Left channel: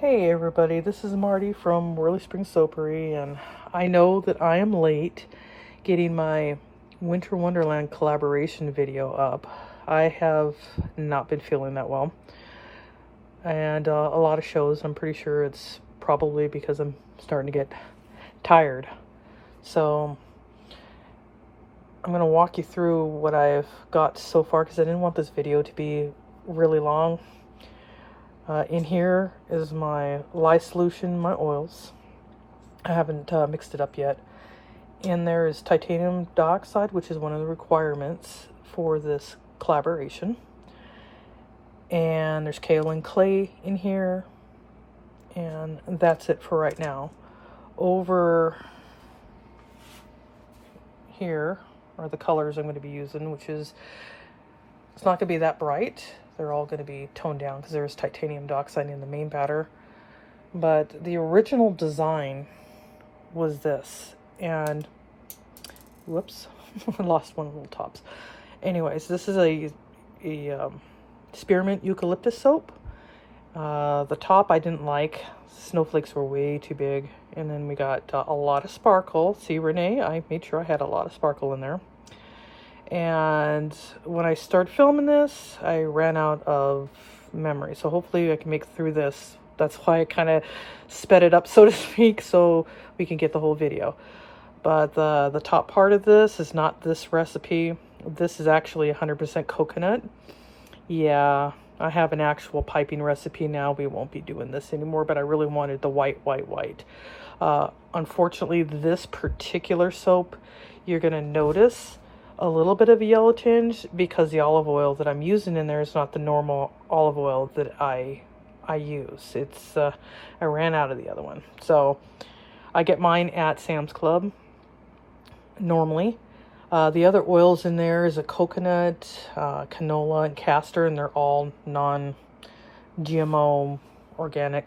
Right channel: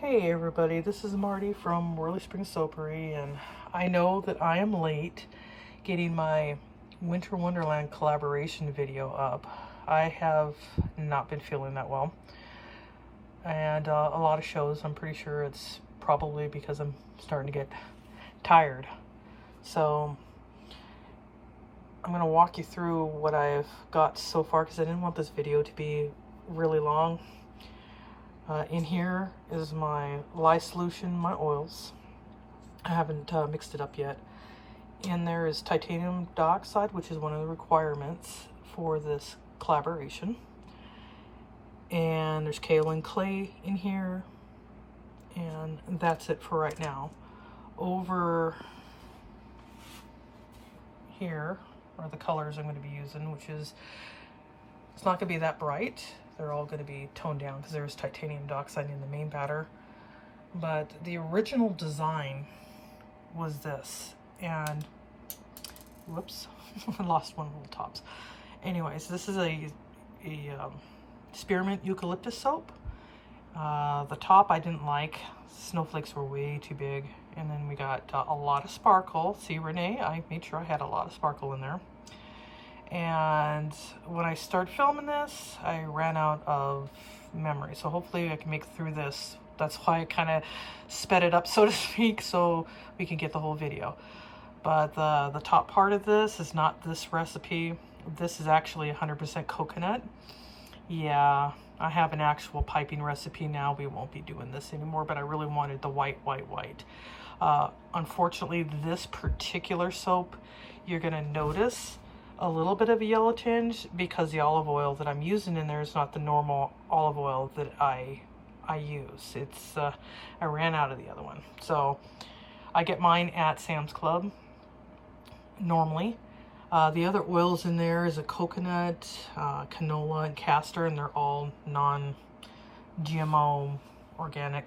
Hey everybody, this is Marty from Whirly Spring Soapery, and I know that I am late getting my Winter Wonderland collaboration video up. I have not been feeling that well, and a lot of shows. I'm pretty sure it's probably because I'm starting to get tired. So I'm going to walk you through what I've got so far because I didn't want this video to be really long. In here is my lye solution, my oils. I haven't mixed it up yet. In there is titanium dioxide, which is one of the requirements for this collaboration. And there's kaolin clay in here. And that's it for right now. Over here are the colors I'm going to be using, which is, it's not going to be that bright. They're all going to be toned down because there's titanium dioxide in the main batter. But the original design was this. And, whoops, I lost one of the little tops. Anyways, this is a spearmint eucalyptus soap. The top I didn't like. Snowflakes were way too big. And then we got a lot of sparkle. See, Renee, I made sure I had a lot of sparkle in there. And when I started filming this, I ran out of memory. So hopefully I can make it through this. That's why I kind of sped it up, so to speak, so we can get the whole video. But the top part of this is not this recipe. This is actually 100% coconut. Yeah, I have an actual piping recipe now. We won't be doing this anymore, but I really wanted the white. Unfortunately, this particular soap, you're going to notice a little bit of a yellow tinge because the olive oil that I'm using in there is not the normal olive oil that I use. It's I ran out of the other one. So I get mine at Sam's Club normally. The other oils in there is a coconut, canola, and castor, and they're all non-GMO organic.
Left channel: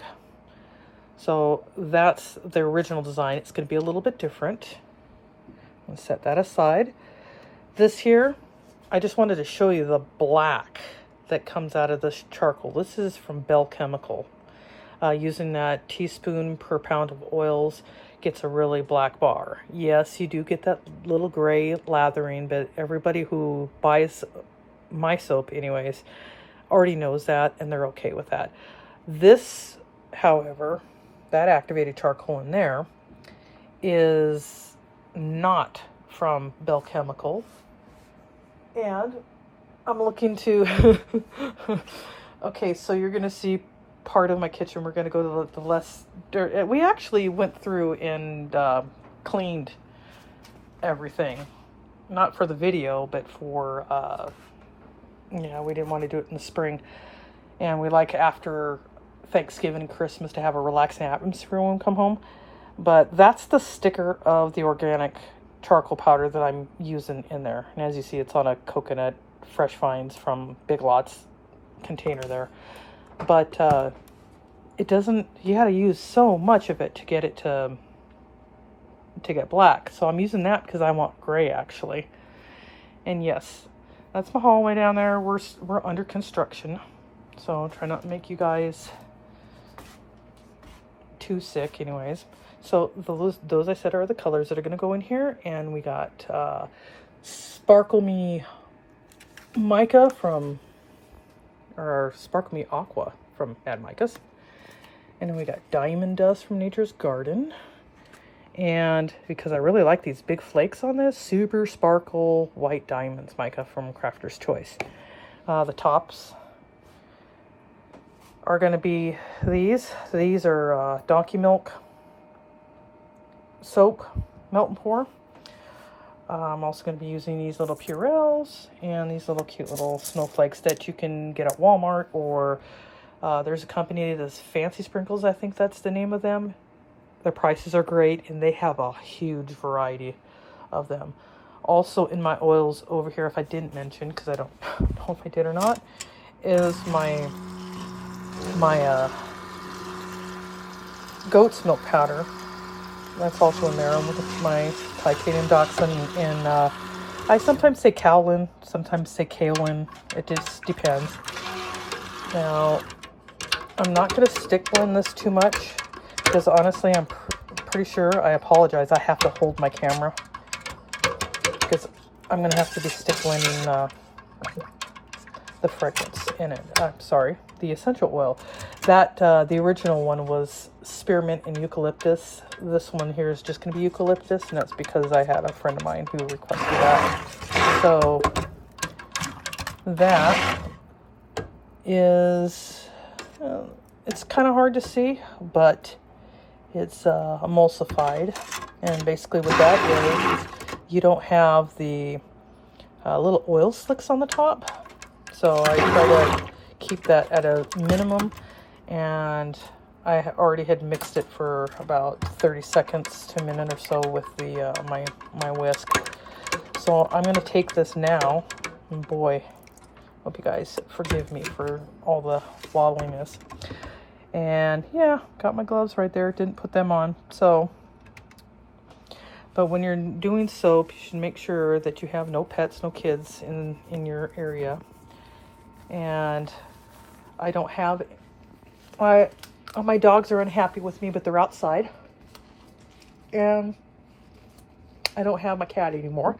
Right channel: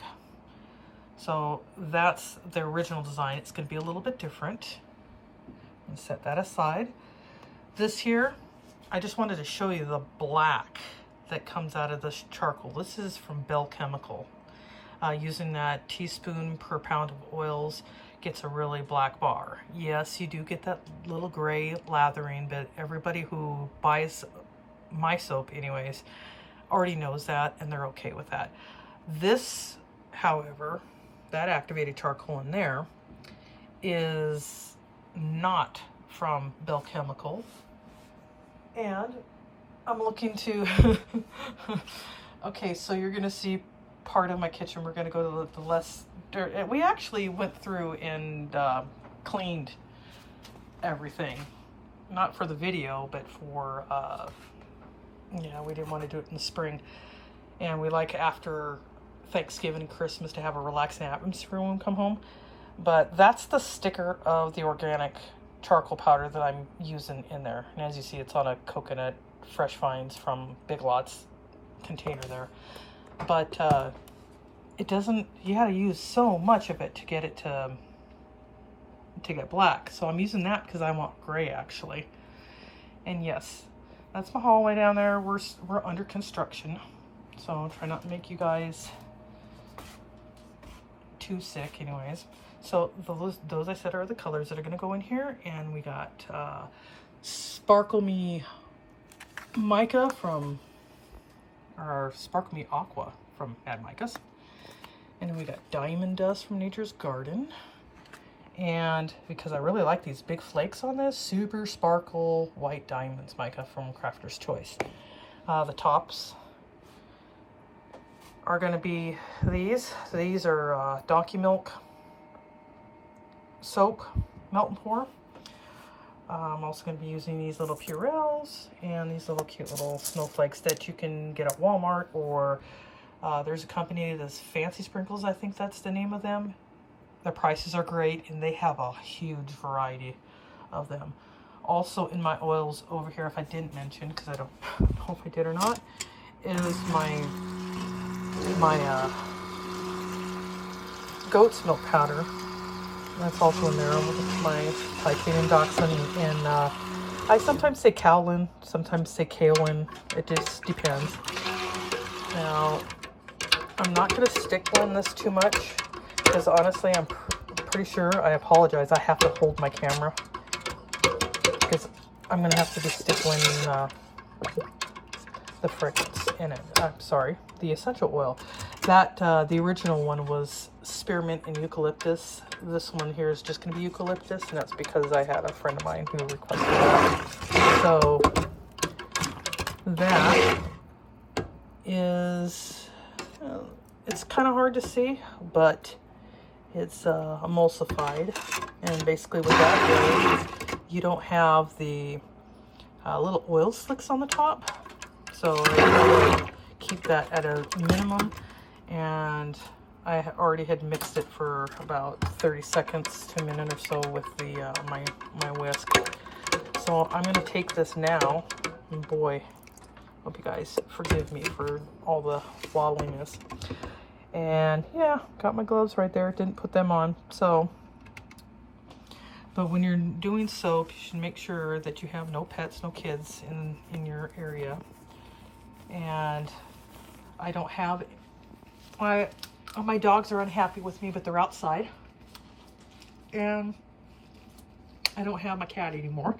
So that's the original design. It's going to be a little bit different. I'll set that aside. This here, I just wanted to show you the black that comes out of this charcoal. This is from Bell Chemical. Using that teaspoon per pound of oils gets a really black bar. Yes, you do get that little gray lathering, but everybody who buys my soap anyways already knows that and they're okay with that. This, however, that activated charcoal in there is not from Bell Chemical. And I'm looking to, okay, so you're going to see part of my kitchen. We're going to go to the less dirt. We actually went through and cleaned everything. Not for the video, but for, yeah, we didn't want to do it in the spring. And we like after Thanksgiving and Christmas to have a relaxing atmosphere when we come home. But that's the sticker of the organic charcoal powder that I'm using in there. And as you see, it's on a coconut fresh finds from Big Lots container there. But it doesn't, you gotta use so much of it to get it to get black. So I'm using that because I want gray actually. And yes, that's my hallway down there. We're under construction. So I'll try not to make you guys too sick anyways. So those I said are the colors that are going to go in here. And we got Sparkle Me Mica from, or Sparkle Me Aqua from Mad Micas. And then we got Diamond Dust from Nature's Garden. And because I really like these big flakes on this, Super Sparkle White Diamonds Mica from Crafter's Choice. The tops are going to be these. These are Donkey Milk soap melt and pour. I'm also going to be using these little Purells and these little cute little snowflakes that you can get at Walmart, or there's a company that does Fancy Sprinkles, I think that's the name of them. Their prices are great and they have a huge variety of them. Also in my oils over here, if I didn't mention, because I don't know if I did or not, is my goat's milk powder. That's also in there with my titanium dioxide, and I sometimes say kaolin, sometimes say kaolin. It just depends. Now, I'm not going to stick blend this too much because honestly, I'm pretty sure, I apologize, I have to hold my camera because I'm going to have to be stick blending the fragrance in it. Oh, sorry, the essential oil. That the original one was spearmint and eucalyptus. This one here is just going to be eucalyptus, and that's because I had a friend of mine who requested that. So that is, it's kind of hard to see, but it's emulsified, and basically what that is, you don't have the little oil slicks on the top. So I try to keep that at a minimum, and I already had mixed it for about 30 seconds to a minute or so with the my whisk. So I'm going to take this now, and boy, hope you guys forgive me for all the wobbliness. And yeah, got my gloves right there, didn't put them on. So, but when you're doing soap, you should make sure that you have no pets, no kids in your area. And I don't have, my dogs are unhappy with me, but they're outside. And I don't have my cat anymore.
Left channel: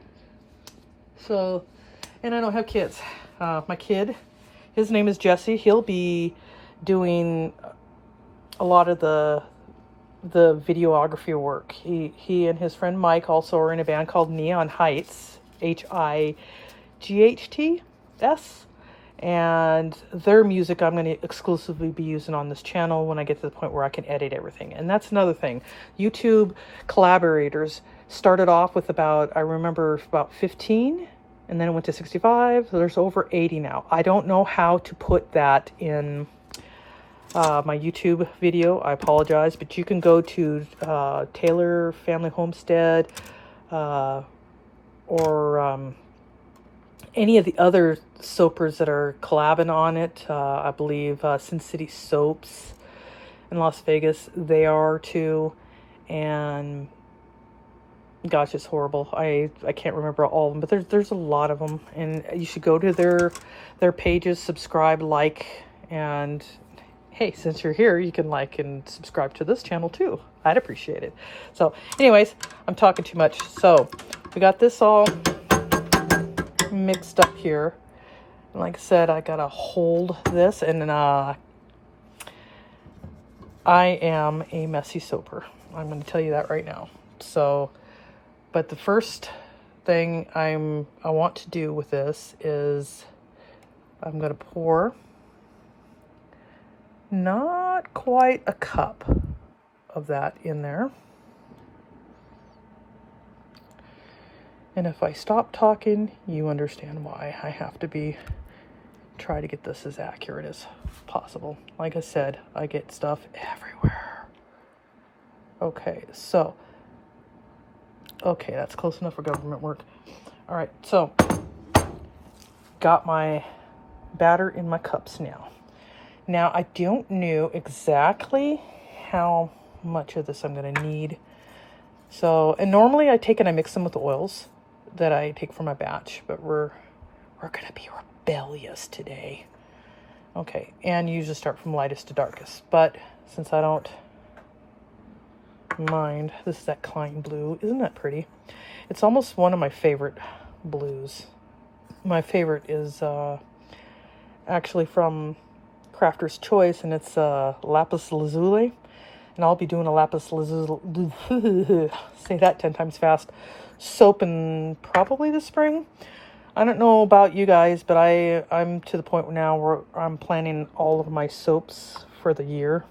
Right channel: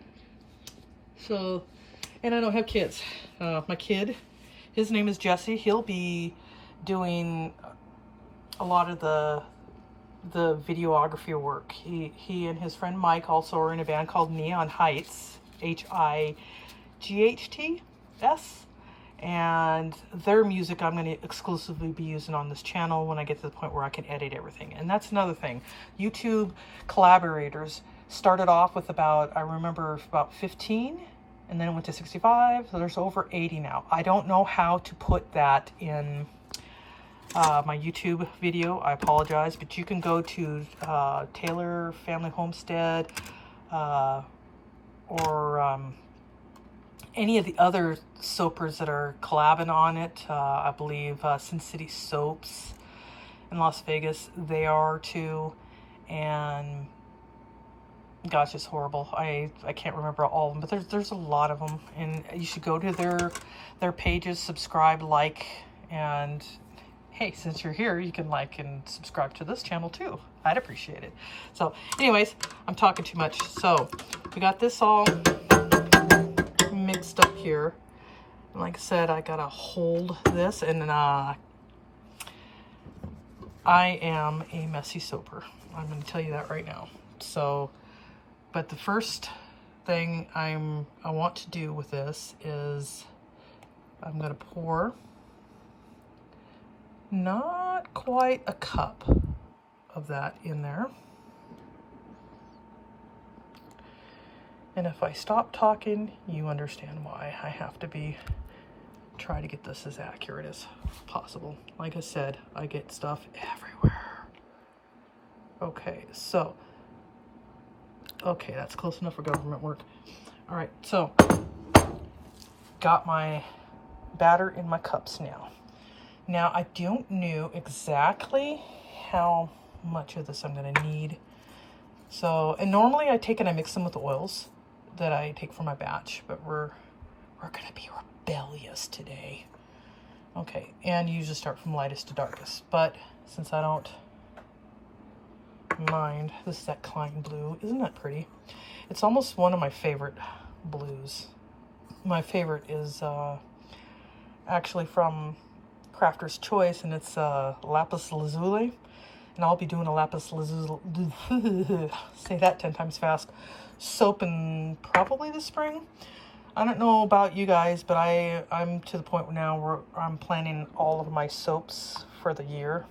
So, and I don't have kids. My kid, his name is Jesse. He'll be doing a lot of the videography work. He and his friend Mike also are in a band called Neon Heights, HIGHTS. And their music I'm going to exclusively be using on this channel when I get to the point where I can edit everything. And that's another thing. YouTube collaborators started off with about, I remember about 15, and then it went to 65. So there's over 80 now. I don't know how to put that in my YouTube video. I apologize, but you can go to Taylor Family Homestead or any of the other soapers that are collabing on it. I believe Sin City Soaps in Las Vegas, they are too. And gosh, it's horrible. I can't remember all of them, but there's a lot of them, and you should go to their pages, subscribe, like, and hey, since you're here, you can like and subscribe to this channel too. I'd appreciate it. So anyways, I'm talking too much. So we got this all mixed up here. Like I said, I gotta hold this, and I am a messy soaper. I'm gonna tell you that right now. So, but the first thing I want to do with this is I'm gonna pour not quite a cup of that in there. And if I stop talking, you understand why. I have to try to get this as accurate as possible. Like I said, I get stuff everywhere. Okay, so, okay, that's close enough for government work. All right, so, got my batter in my cups now. Now, I don't know exactly how much of this I'm gonna need. So, and normally I take and I mix them with the oils that I take for my batch, but we're gonna be rebellious today. Okay, and you usually start from lightest to darkest, but since I don't mind, this is that Klein blue. Isn't that pretty? It's almost one of my favorite blues. My favorite is actually from Crafter's Choice, and it's lapis lazuli. And I'll be doing a lapis lazuli, say that 10 times fast, soap in probably the spring. I don't know about you guys, but I'm to the point now where I'm planning all of my soaps for the year.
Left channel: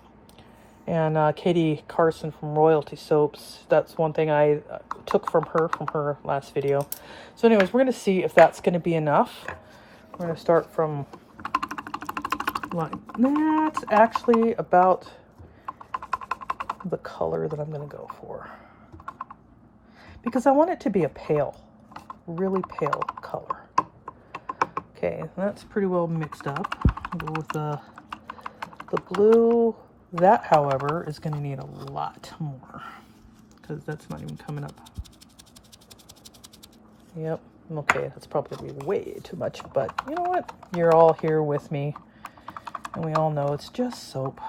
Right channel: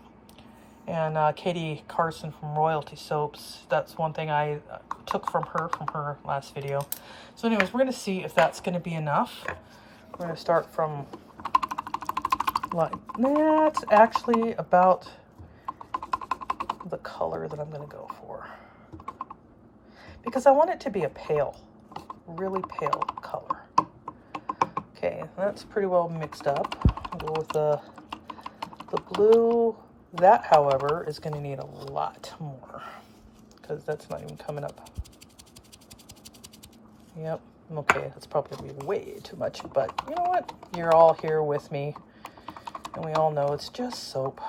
And Katie Carson from Royalty Soaps, that's one thing I took from her last video. So anyways, we're going to see if that's going to be enough. I'm going to start from, that's actually about the color that I'm going to go for, because I want it to be a pale, really pale color. Okay, that's pretty well mixed up. I'll go with the blue. That, however, is going to need a lot more, because that's not even coming up. Yep, okay, that's probably way too much, but you know what? You're all here with me, We all know it's just soap.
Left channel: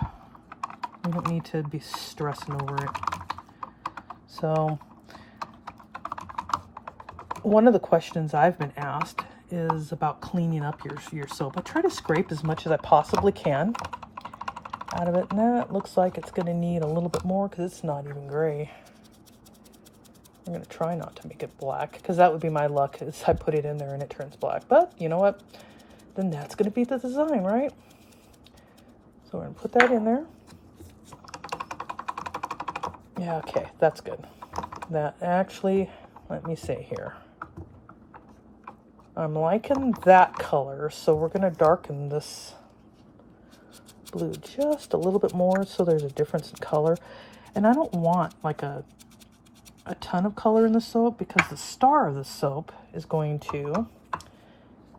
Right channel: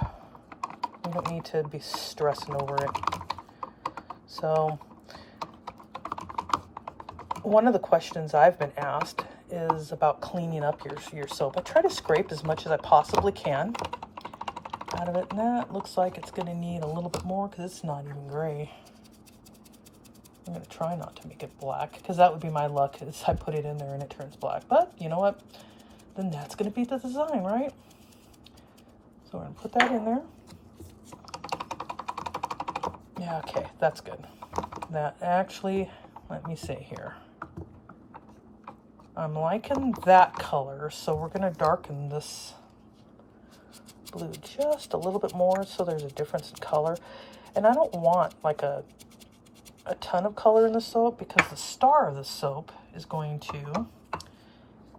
I don't need to be stressing over it. So, one of the questions I've been asked is about cleaning up your soap. I try to scrape as much as I possibly can out of it. And that looks like it's going to need a little bit more because it's not even gray. I'm going to try not to make it black because that would be my luck is I put it in there and it turns black. But you know what? Then that's going to be the design, right? So we're going to put that in there. Yeah, okay, that's good. That actually, let me say here. I'm liking that color, so we're going to darken this blue just a little bit more so there's a difference in color. And I don't want like a ton of color in the soap because the star of the soap is going to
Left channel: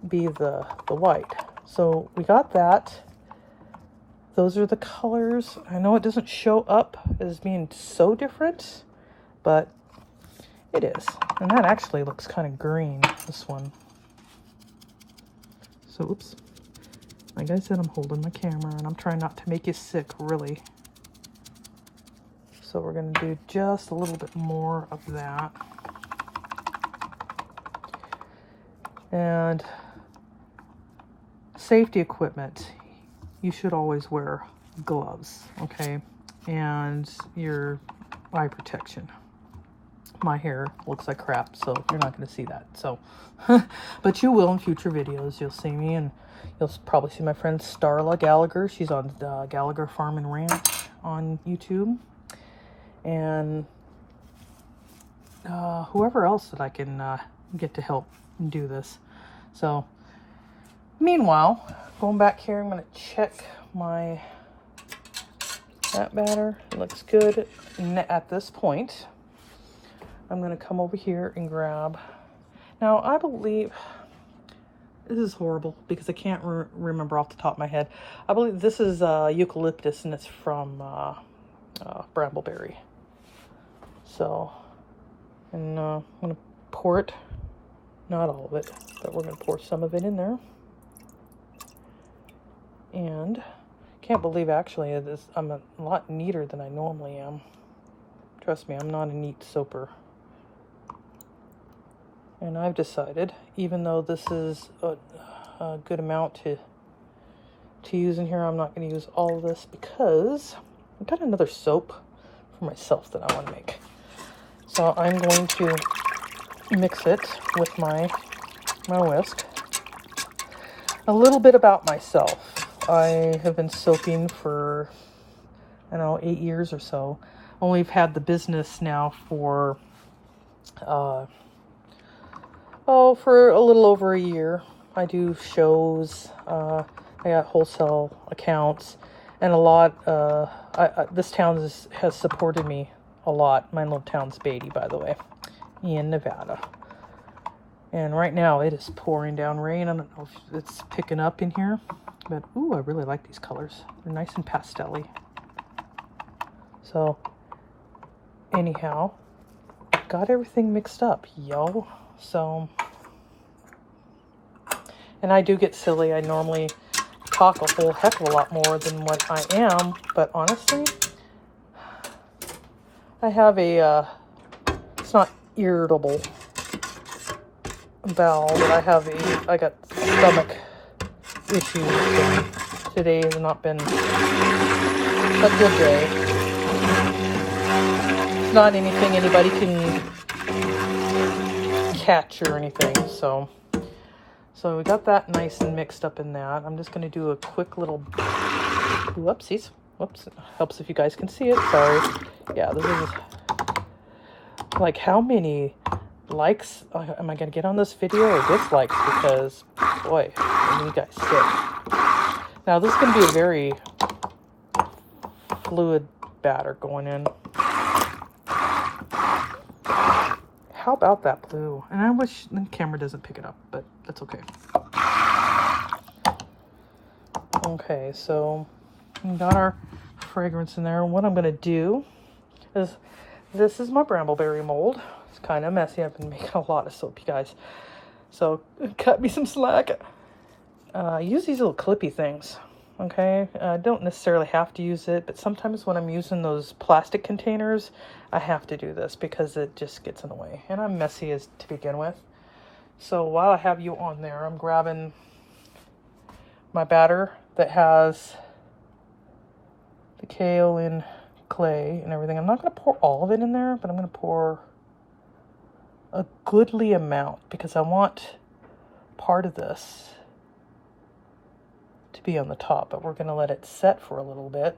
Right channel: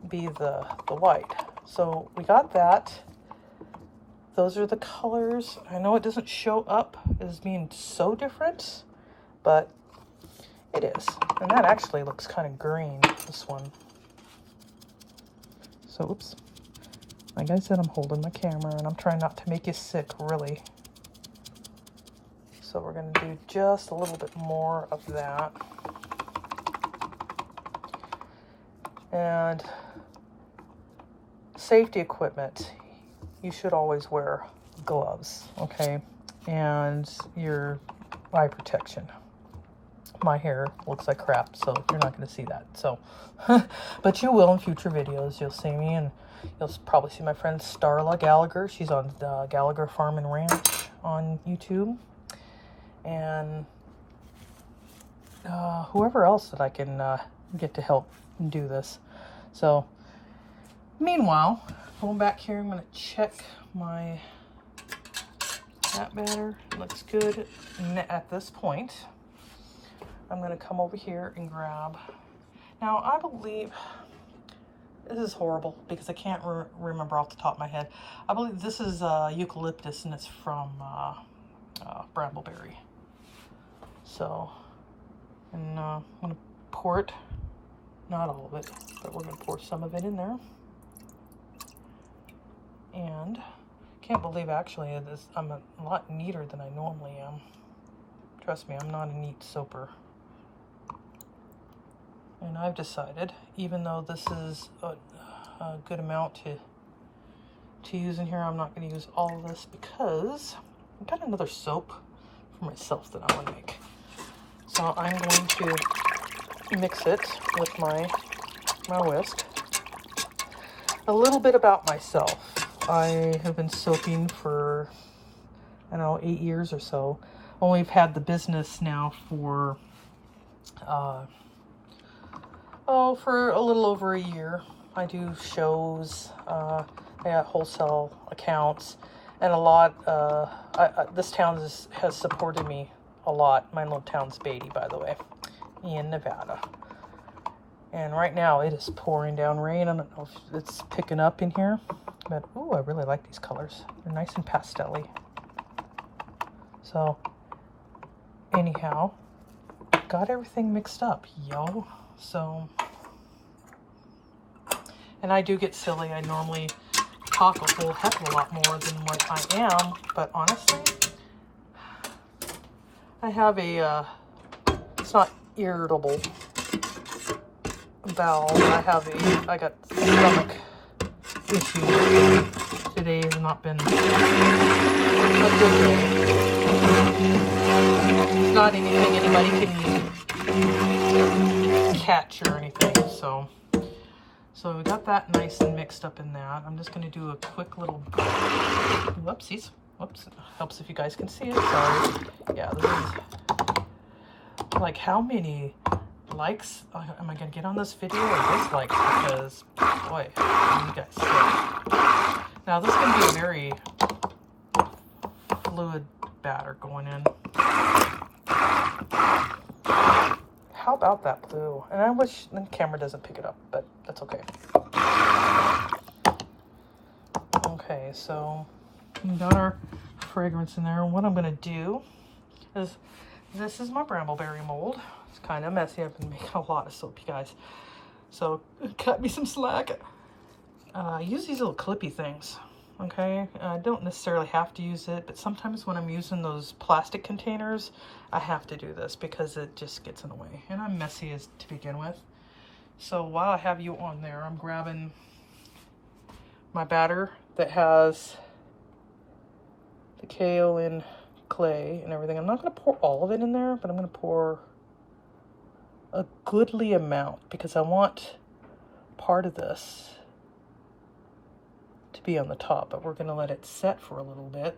be the white. So we got that. Those are the colors. I know it doesn't show up as being so different, but it is. And that actually looks kind of green, this one. So, oops. Like I said, I'm holding the camera and I'm trying not to make you sick, really. So we're going to do just a little bit more of that. And safety equipment. You should always wear gloves, okay? And your eye protection. My hair looks like crap, so you're not going to see that. So, but you will in future videos. You'll see me, and you'll probably see my friend Starla Gallagher. She's on Gallagher Farm and Ranch on YouTube. And whoever else that I can get to help do this. So, meanwhile, going back here, I'm going to check that batter. Looks good. And at this point, I'm going to come over here and grab. Now, I believe, this is horrible because I can't remember off the top of my head. I believe this is eucalyptus and it's from Brambleberry. So, and I'm going to pour it, not all of it, but we're going to pour some of it in there. And can't believe actually I'm a lot neater than I normally am. Trust me, I'm not a neat soaper. And I've decided, even though this is a good amount to use in here, I'm not going to use all of this because I've got another soap for myself that I want to make. So I'm going to mix it with my list. A little bit about myself. I have been soaping for, I don't know, 8 years or so. And we've had the business now for for a little over a year. I do shows, I got wholesale accounts, and a lot, this town has supported me a lot. My little town's Beatty, by the way, in Nevada. And right now it is pouring down rain. I don't know if it's picking up in here, but ooh, I really like these colors. They're nice and pastel-y. So anyhow, got everything mixed up, yo. So, and I do get silly. I normally talk a whole heck of a lot more than what I am, but honestly, I have a, it's not irritable bowel, but I got stomach issues. Today has not been a good day. It's not anything anybody can catch or anything, so we got that nice and mixed up in that. I'm just going to do a quick little whoopsies. Whoops. Helps if you guys can see it. Sorry. Yeah, this is like, how many likes am I going to get on this video or dislikes? Because, boy, you guys sick. Now, this is going to be a very fluid batter going in. How about that blue? And I wish the camera doesn't pick it up, but that's okay. Okay, so we got our fragrance in there. What I'm going to do is, this is my Brambleberry mold. It's kind of messy. I've been making a lot of soap, you guys. So cut me some slack. I use these little clippy things. Okay, I don't necessarily have to use it, but sometimes when I'm using those plastic containers, I have to do this because it just gets in the way. And I'm messy as to begin with. So while I have you on there, I'm grabbing my batter that has the kaolin clay and everything. I'm not going to pour all of it in there, but I'm going to pour a goodly amount because I want part of this to be on the top, but we're going to let it set for a little bit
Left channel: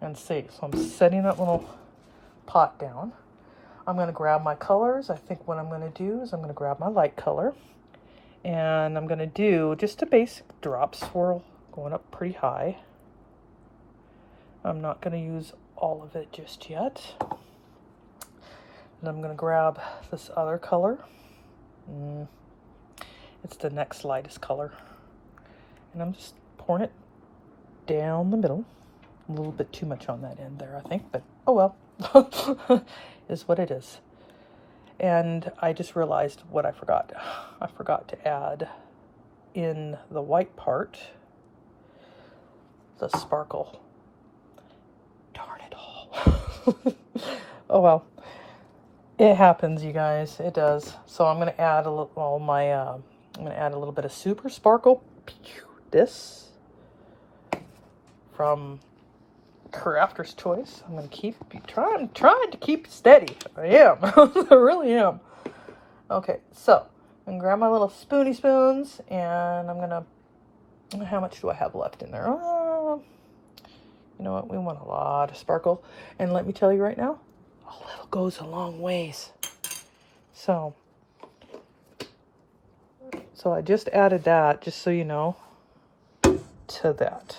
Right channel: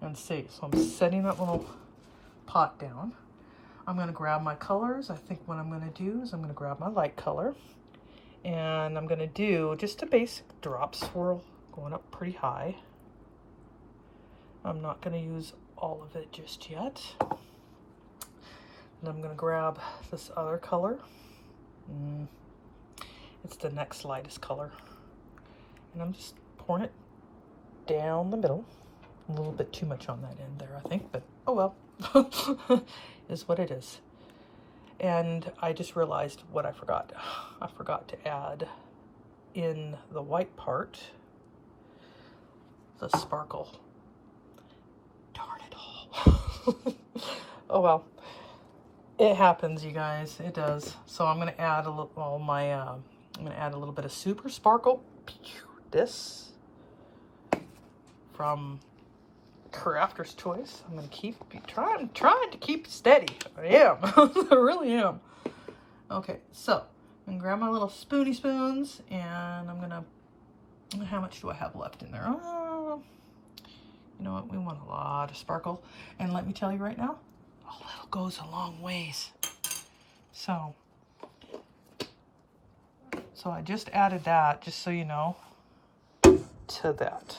and see. So I'm setting that little pot down. I'm going to grab my colors. I think what I'm going to do is I'm going to grab my light color, and I'm going to do just a basic drop swirl going up pretty high. I'm not going to use all of it just yet. And I'm going to grab this other color. It's the next lightest color. And I'm just pouring it down the middle. A little bit too much on that end there, I think, but oh well. Is what it is. And I just realized what I forgot. I forgot to add in the white part the sparkle. Darn it all. Oh well. It happens, you guys. It does. So I'm gonna add I'm gonna add a little bit of super sparkle. This from Crafter's Choice. I'm gonna keep trying to keep steady. I am. I really am. Okay, so I'm gonna grab my little spoony spoons, and I'm gonna. How much do I have left in there? Oh, you know what? We want a lot of sparkle, and let me tell you right now, a little goes a long ways. So I just added that, just so you know, to that.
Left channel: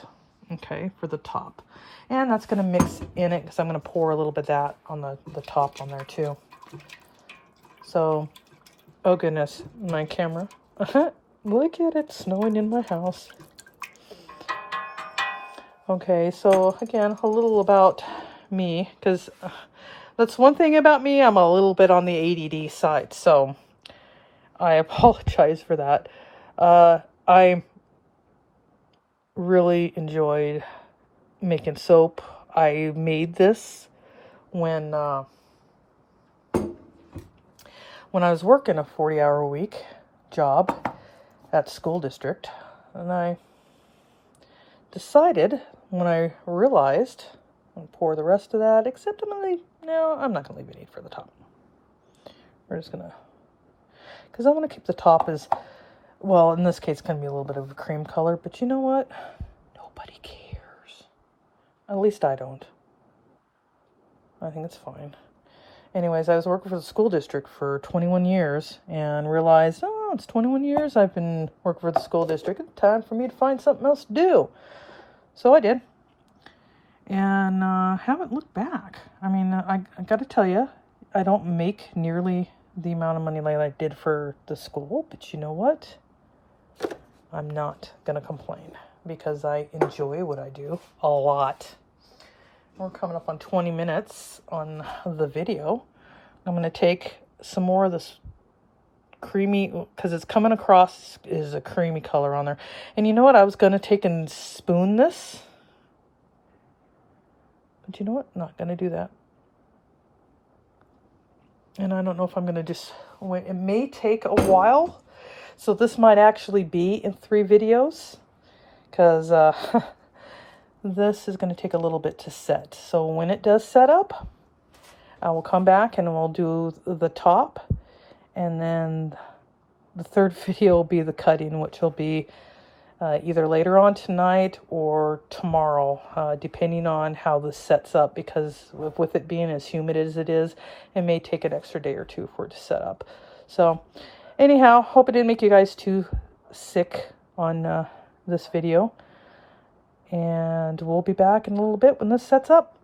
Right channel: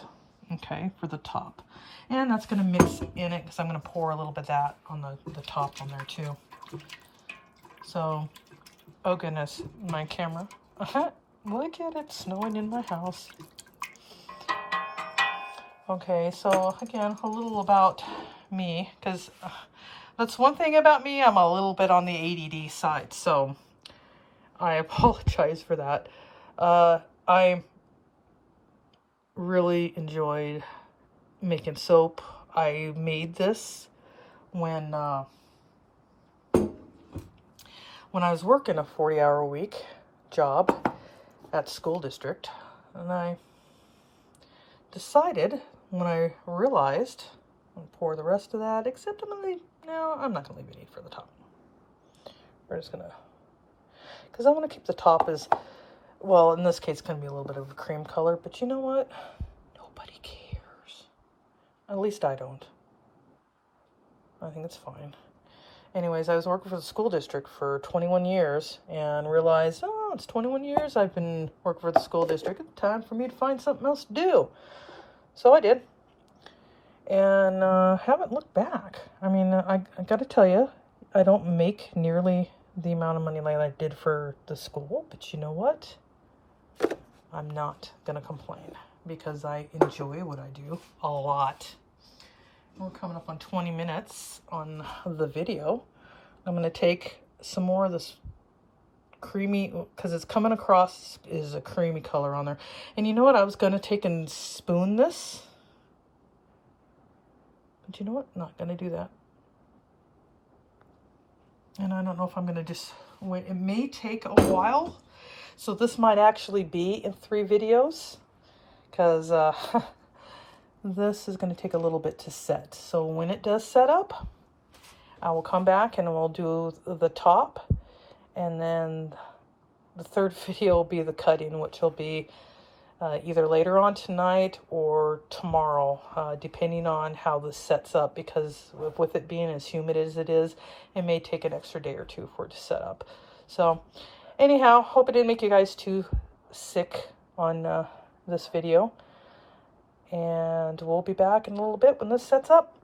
Okay, for the top. And that's going to mix in it because I'm going to pour a little bit of that on the top on there too. So, oh goodness, my camera. Look at it snowing in my house. Okay, so again, a little about me, because that's one thing about me, I'm a little bit on the ADD side, so I apologize for that. I really enjoyed making soap. I made this when I was working a 40-hour-a-week job at school district, and I decided when I realized I'd pour the rest of that, except I'm not gonna leave any for the top. We're just gonna, because I'm gonna keep the top as well. In this case, it's gonna be a little bit of a cream color, but you know what? Nobody cares. At least I don't. I think it's fine. Anyways, I was working for the school district for 21 years and realized, oh, it's 21 years I've been working for the school district. It's time for me to find something else to do. So I did. And haven't looked back. I mean, I got to tell you, I don't make nearly the amount of money like I did for the school. But you know what? I'm not going to complain, because I enjoy what I do a lot. We're coming up on 20 minutes on the video. I'm going to take some more of this creamy, because it's coming across is a creamy color on there. And you know what? I was going to take and spoon this. But you know what? Not going to do that. And I don't know if I'm going to just wait. It may take a while. So this might actually be in 3 videos, because this is going to take a little bit to set. So when it does set up, I will come back and we'll do the top, and then the 3rd video will be the cutting, which will be either later on tonight or tomorrow, depending on how this sets up, because with it being as humid as it is, it may take an extra day or 2 for it to set up. So anyhow, hope it didn't make you guys too sick on this video. And we'll be back in a little bit when this sets up.